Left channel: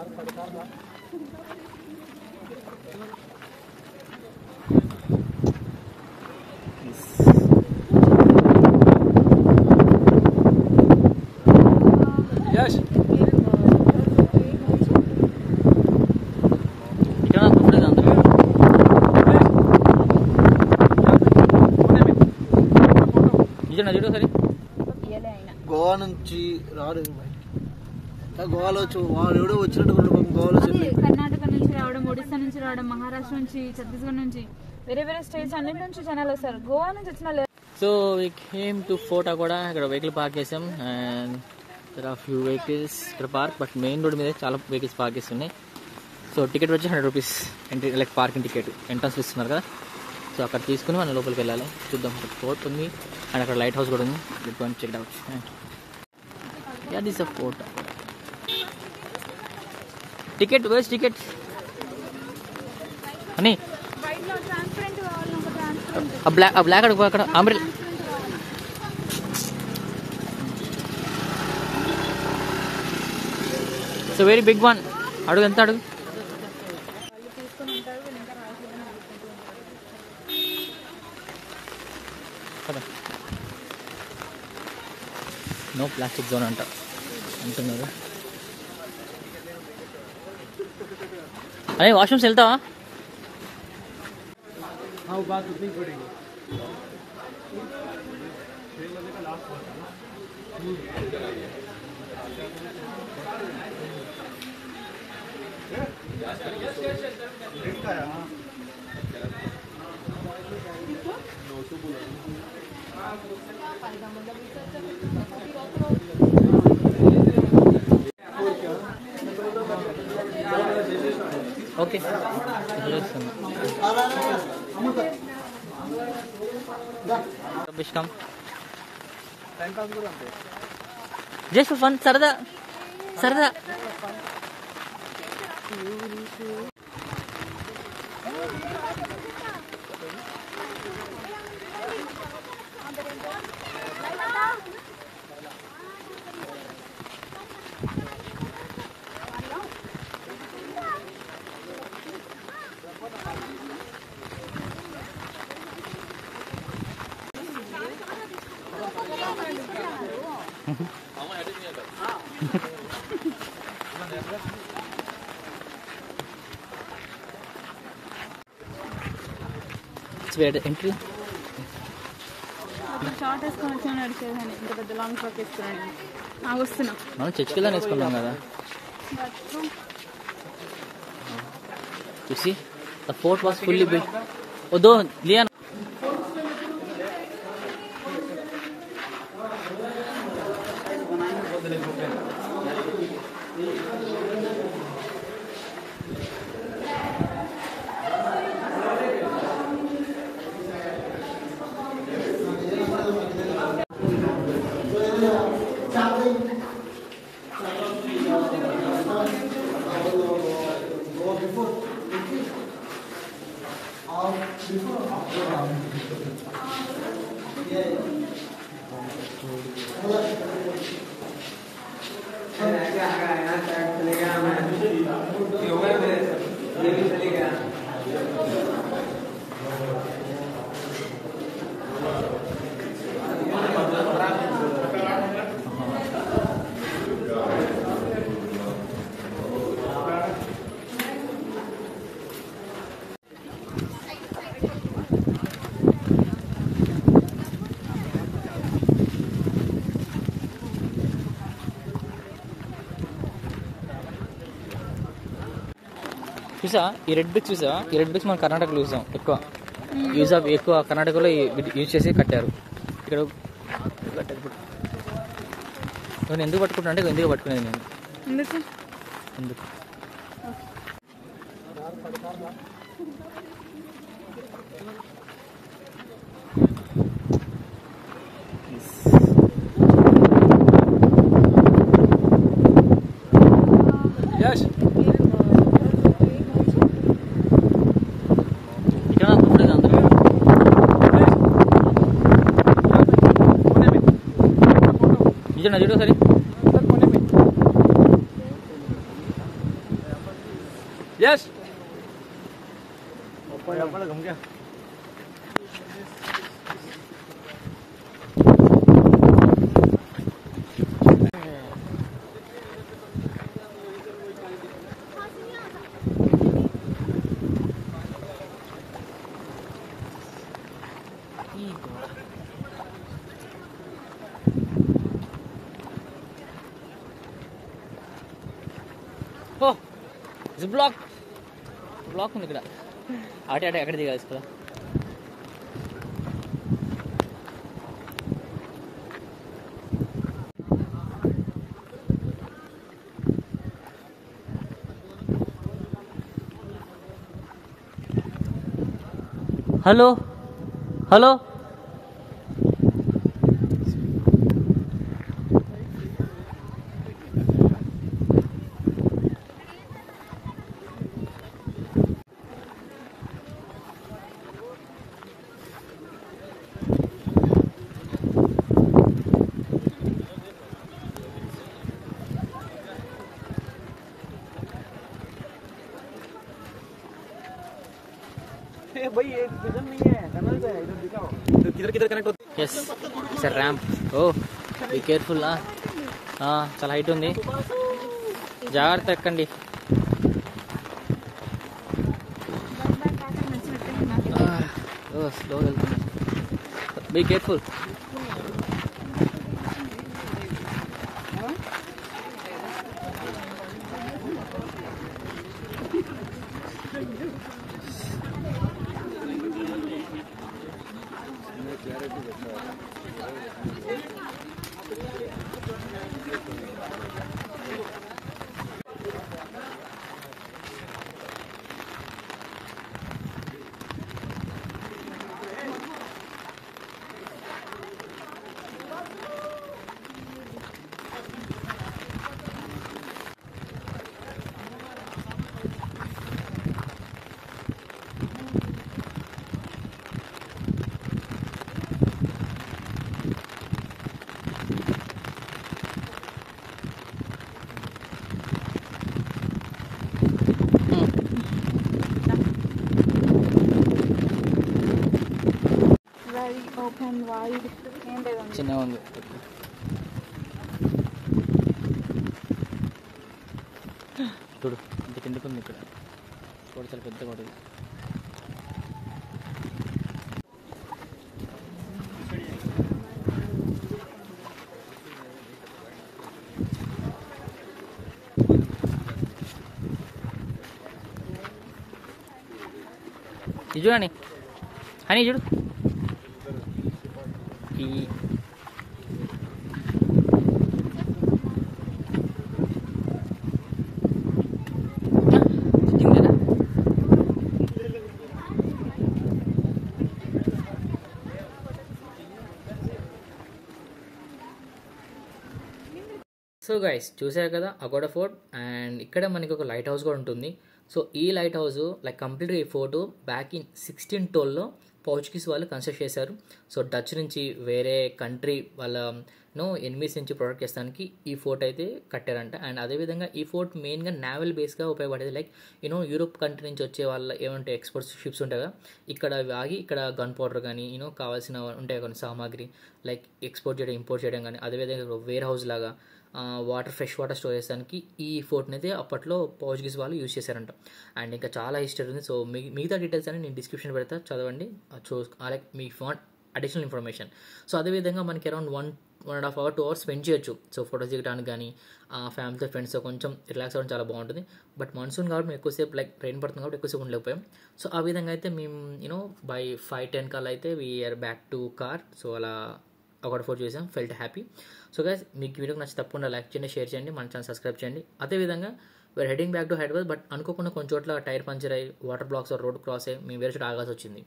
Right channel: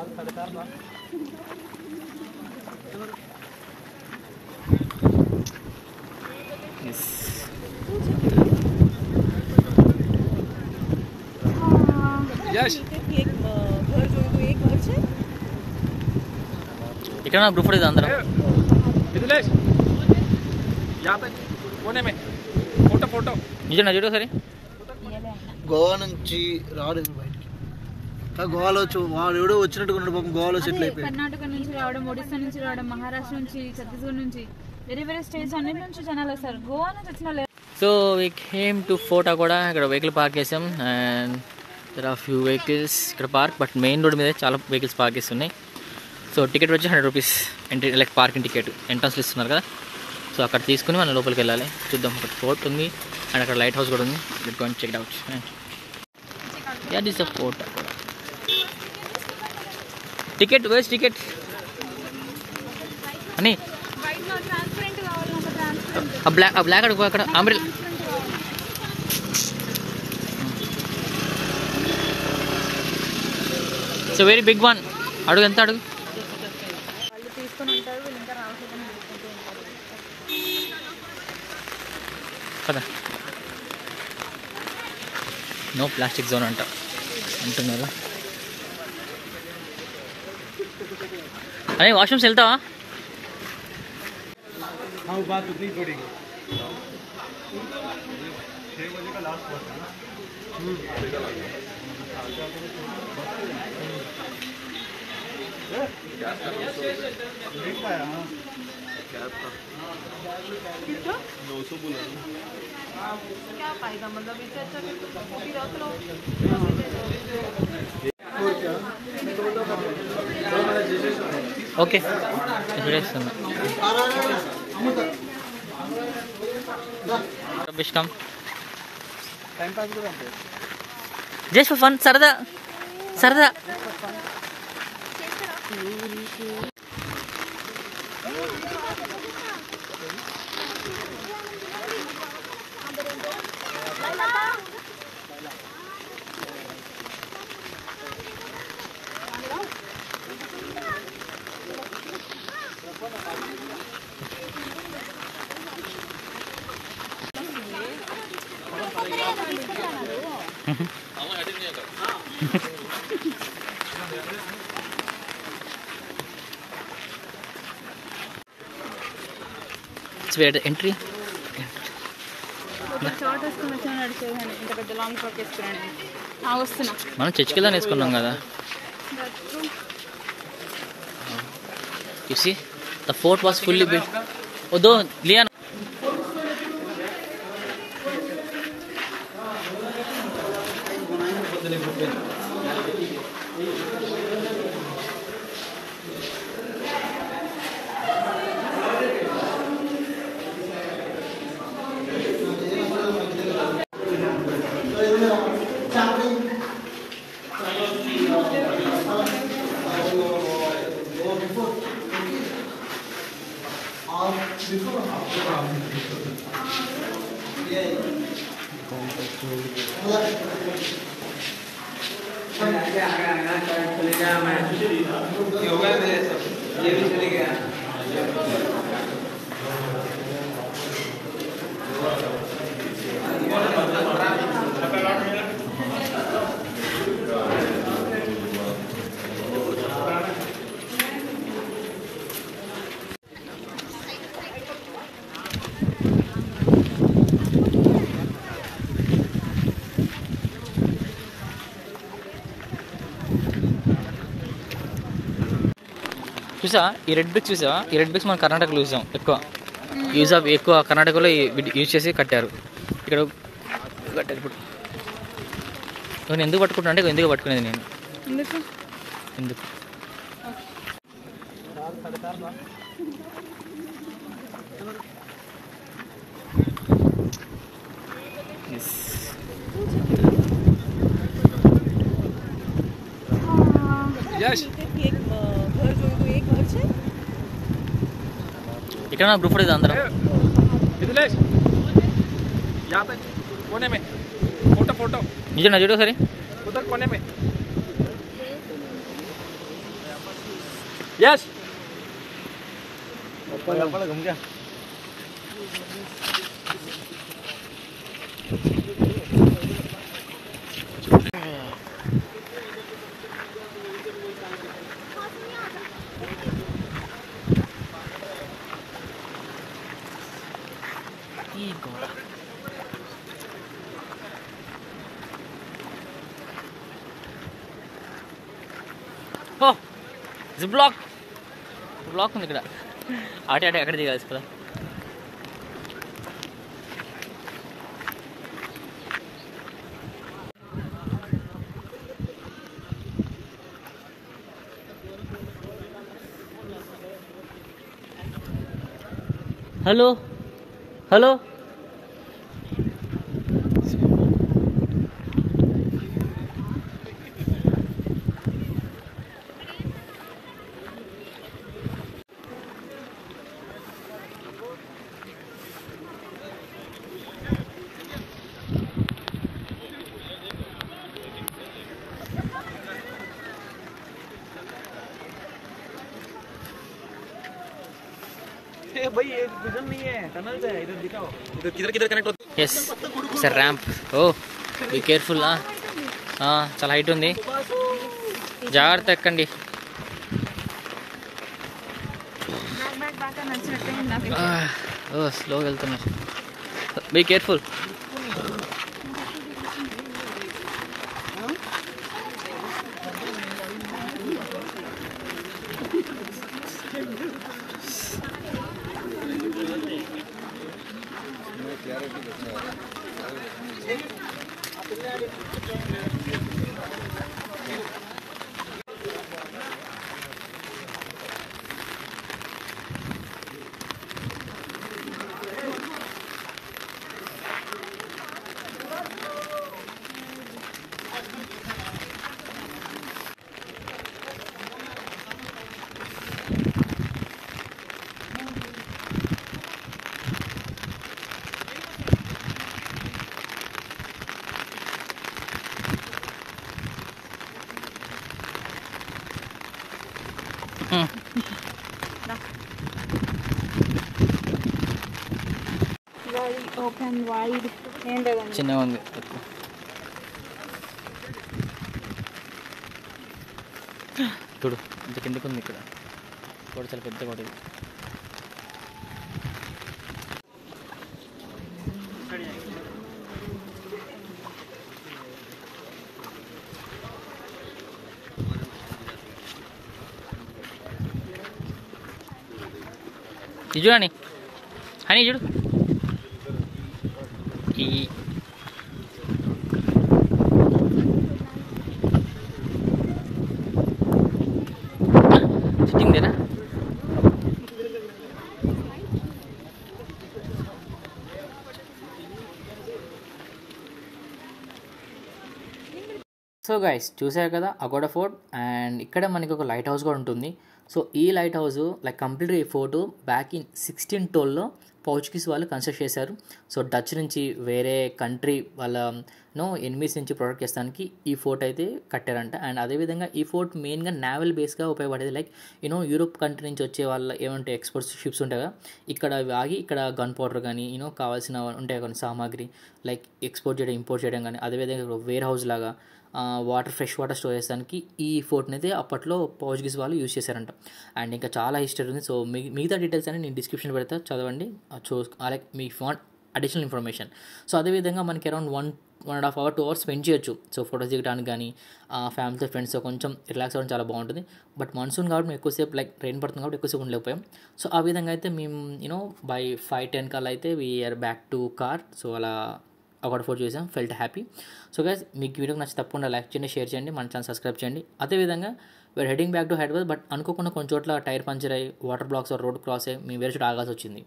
ఇక్కడ group photo అందరం నిజంగా చూడు సరే. గోవా నుంచి రాడు, గోవాలో వాడు ఎవడో వచ్చినట్టు గోవాలో సెటిల్ అయిపోయి. కర్ణాటక నుంచి రావడం, ఒడిస్సా నుంచి రావడం, మహారాష్ట్ర నుంచి, ఛత్తీస్గఢ్ నుంచి, వేరే వేరే స్టేట్స్ అన్నిటి నుంచి జనాలు వస్తారు. గోవా నుంచి వచ్చిన so we came to photo కూడా ఇక్కడ వెహికల్ పార్క్ చేసాం. And there are few vehicles ఇక్కడ పార్క్, బట్ మెయిన్ రోడ్ మీద చాలా వెహికల్స్ పార్క్ చేస్తున్నాయి. సో టికెట్ వచ్చి 100 rupees entry, like parking ticket ఎంట్రన్స్లో ఇస్తున్నారు కదా. సో అక్కడ తీసుకుని మనం లోపలికి వెళ్ళాలి. చూద్దాం, అక్కడ ఫోర్ట్ ఉంది అండ్ అక్కడ లైట్ హౌస్ కూడా ఉంది. Let's go and check it out. Yeah this a fort. Ticket వేస్ టికెట్ అని బ్లాక్ అడుగు అక్కడ umbrella. So very big one. అడుగు ఎంత అడుగు. కదా నో ప్లాస్టిక్ జోన్ అంటున్నారు. అరే వాష్రూమ్స్ వెళ్తావా? ఓకే చూడేస్తున్నా. జస్ట్ ఫర్ ఫన్, సరదా సరదా. ఎంట్రీ మనం చర్చికి వెళ్ళని వేసుకున్నాం కదా. You see, the fort was fully built. Although Lian. చూసా ఈ రెడ్ బ్రిక్స్ చూసా, ఈ రెడ్ బ్రిక్స్ మనం కర్ణాటకలో చూసాం ఎక్కువ కర్ణాటకలో యూజ్ చేసి కట్టారు. ఇక్కడ కట్టారు. ఇప్పుడు నేను ఎందుకు పట్టుకుంటా అంటే ఎందుకు పట్టుకునేది నేను ఎందుకు ఇక్కడ గ్రూప్ ఫోటో అందరం నిజంగా చూడు సరే. यस घूम गया ఓ ఇది బ్లాక్ ఉంది ఇక్కడ ఆటే ఎక్కడ దిగాల్సి కదా హలో హలో भाई ये विजन नहीं है टनल है इधर दिखाओ किधर कनेक्ट होता yes sir ramp oh be careful చాలా హైట్ ఉంది జాగ్రత్త ఎక్కండి ఓ స్లోగా వెళ్తున్నా బీ కేర్ఫుల్ ఓపెన్ వైడ్ ఏంటండి చిన్నగా ఉంది చూడు ఇంత కిందకి ఉంది ఇక్కడ కూడా చాలా పెద్ద కూడా ఇది ఇది చూడండి హనీ చూడు ఈ సిట్టింగ్ దేనా సో గైస్ చూసారు కదా అగోడా ఫోర్ట్ అండ్ ఇక్కడ మనకి ఒక లైట్ హౌస్ కూడా ఉంటుంది సో ఈ లైట్ హౌస్ లైక్ కంప్లీట్గా ఈ ఫోర్ట్ బ్యాక్ ఇన్ 1612లో పోర్చుగీస్ వాళ్ళు కన్స్ట్రక్ట్ చేశారు సో డచ్ నుంచి వేరే కంట్రీ వాళ్ళ ఎనిమీస్ నుంచి ప్రొటెక్ట్ చేస్తానికి ఈ ఫోర్ట్ అయితే కట్టారంట అండ్ అదేవిధంగా ఈ ఫోర్ట్ మెయిన్గా నావల్ బేస్గా ఉపయోగపడేది లైక్ యూరోప్ కంట్రీ నుంచి వచ్చే వాళ్ళ ఏమంటే ఎక్స్పోర్ట్స్ షిప్స్ ఉంటాయి కదా ఇక్కడ ఆగి ఇక్కడ గన్ పౌడర్ కానీ కావాల్సిన ఉంటాయి కొన్ని సామాగ్రి లైక్ ఎక్స్పోర్ట్ చేయడం ఇంపోర్ట్ చేయడం కానీ అదేవిధంగా వేర్ హౌస్ లాగా వాటర్ ఫ్రెష్ వాటర్ స్టోర్ చేసడానికి ఈ ఫోర్ట్ని అయితే అప్పట్లో పోర్చుగీస్ వాళ్ళు యూజ్ చేశారంట అండ్ ఇంకా చాలా హిస్టరీ ఉంది సో మిగతా డీటెయిల్స్ అని నేను డిస్క్రిప్షన్ పెడతా చదవండి like me want additional information so అదేవిధంగా మనకి అరౌండ్ 1.5 hours 2 hours స్పెండ్ చేయొచ్చు సో ఫోటోస్ దిగడానికి కానీ ఫ్యామిలీతో ఫ్రెండ్స్తో కొంచెం రిలాక్స్ అవ్వడం చాలా బాగుంటుంది బట్ మాన్సూన్ కాబట్టి మేము ఎక్కువసేపు లైక్ రెయిన్ పడుతుంది కాబట్టి ఎక్కువసేపు ఉండలేకపోయాం సో ఆ విధంగా అయితే మేము బై 5-10 కల్లా అయితే we're back to car so అలా అగోడా ఫోర్ట్ చూసాం ఫెల్ట్ హ్యాపీ సో గైస్ మీకు వీడియోకి నచ్చి తప్పకుండా లైక్ చేయండి షేర్ చేయండి మన ఛానల్ సబ్స్క్రైబ్ చేయండి అదేవిధంగా we're heading back to Hyderabad but అనుకోకుండా కొన్ని చోట్ల టైర్ పంచర్ అయ్యి వాటర్ బ్లాక్స్ రోడ్ క్రాస్ అయ్యి మేము వేరే చోట ఆగాల్సి వచ్చింది